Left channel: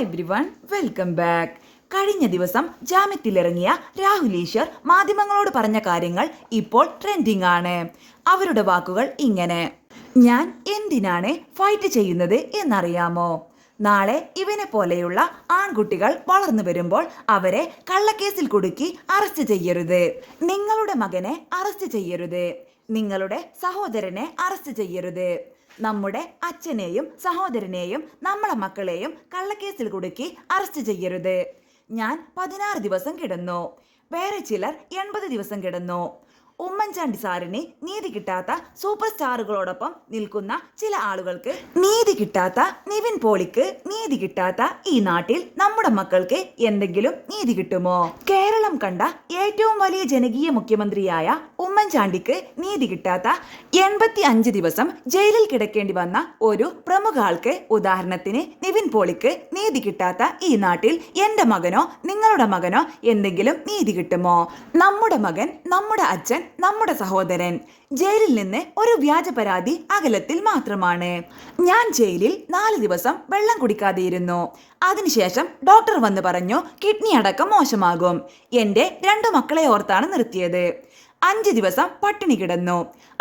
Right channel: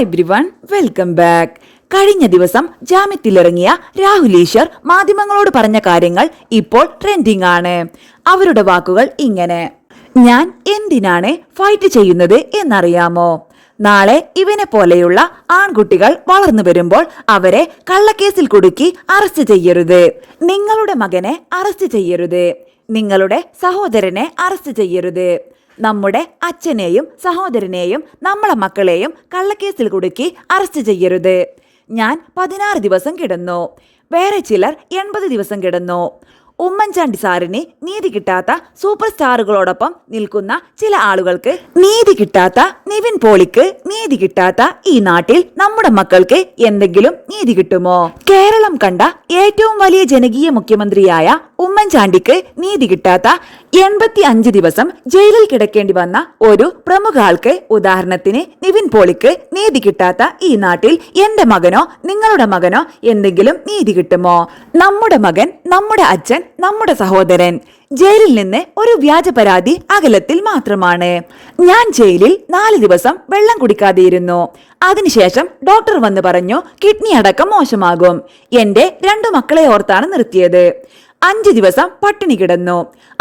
Hi everyone, welcome back. കഴിഞ്ഞ ദിവസം ജാമ്യത്തിലിറങ്ങിയ രാഹുൽ ഈശ്വർ മാധ്യമങ്ങളോട് പറഞ്ഞ കാര്യങ്ങൾ ഇപ്പോൾ ട്രെൻഡിംഗ് ആണ്. അവരുടെ വാക്കുകൾ ഇങ്ങനെ: ഞാൻ എന്തിനാണ് ഫൈറ്റ് ചെയ്യുന്നത് എന്നറിയാമോ? നാളെ ഇവനെ പോലെയുള്ള ആൺകുട്ടികൾ വളർന്നു വരുമ്പോൾ അവരെ കള്ളക്കേസിൽ കുടുക്കി അറസ്റ്റ് ചെയ്യരുത്. നിങ്ങളുടെ മകനെ അറസ്റ്റ് ചെയ്യരുത്. നിങ്ങളുടെ സഹോദരനെ അറസ്റ്റ് ചെയ്യരുത്. നമ്മുടെ അച്ഛനെയും സഹോദരനെയും നമ്മളെ മക്കളെയും കള്ളക്കേസിൽ കുടുക്കി അറസ്റ്റ് ചെയ്യരുത്. ഞാൻ 16 ദിവസം കിടന്നു. വേറെ ചിലർ 80 ദിവസം കിടന്നു. ഉമ്മൻചാണ്ടി സാറിന് നീതി കിട്ടാത്ത സൂപ്പർ സ്റ്റാറുകളോടൊപ്പം നിൽക്കുന്ന ചില ആളുകൾക്ക് നീതി കിട്ടാത്ത നിവിൻ പോളിക്ക് നീതി കിട്ടാത്ത ഈ നാട്ടിൽ നമ്മുടെ മക്കൾക്ക് എന്തെങ്കിലും നീതി കിട്ടുമോ? കേരളം കണ്ട ഏറ്റവും വലിയ ജനകീയ മുഖ്യമന്ത്രിയായ ഉമ്മൻചാണ്ടിക്ക് നീതി കിട്ടാത്ത 85 ദിവസം ജയിലിൽ കിടക്കേണ്ടി വന്ന ഒരു പ്രമുഖ ആൾക്ക്, ഉദാഹരണത്തിന് നിവിൻ പോളിക്ക് നീതി കിട്ടാത്ത ഈ നാട്ടിൽ എന്റെ മകനോ നിങ്ങളുടെ മകനോ എന്തെങ്കിലും നീതി കിട്ടുമോ? നമ്മുടെ മകൻ, നമ്മുടെ അച്ഛൻ, നമ്മുടെ സഹോദരൻ ജയിലിൽ നിന്ന് ഒരു വ്യാജ പരാതി അകലത്തിൽ മാത്രമാണ്. ഞാൻ ജയിലിൽ 4 ദിവസം വെള്ളം കുടിക്കാതെയിരുന്നു. അതിനുശേഷം ഡോക്ടർ വന്ന് പറഞ്ഞു കിഡ്നി അടക്കം മോശമാകും. എന്റെ 2 മക്കളെ ഓർത്താണ് നിർത്തിയത്. 5 ദിവസം പട്ടിണി കിടന്നു.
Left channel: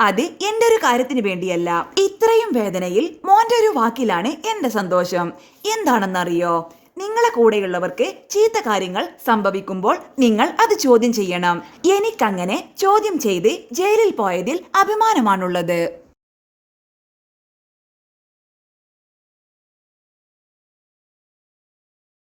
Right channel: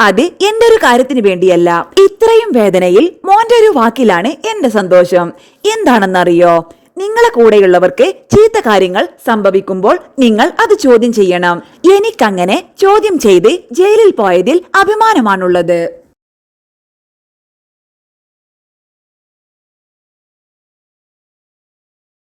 അത് എന്റെ ഒരു കാര്യത്തിന് വേണ്ടിയല്ല. ഇത്രയും വേദനയിൽ മോന്റെ ഒരു വാക്കിലാണ് എന്റെ സന്തോഷം. എന്താണെന്നറിയോ? നിങ്ങളെ കൂടെയുള്ളവർക്ക് ചീത്ത കാര്യങ്ങൾ സംഭവിക്കുമ്പോൾ നിങ്ങൾ അത് ചോദ്യം ചെയ്യണം. എനിക്കങ്ങനെ ചോദ്യം ചെയ്ത് ജയിലിൽ പോയതിൽ അഭിമാനമാണുള്ളത്.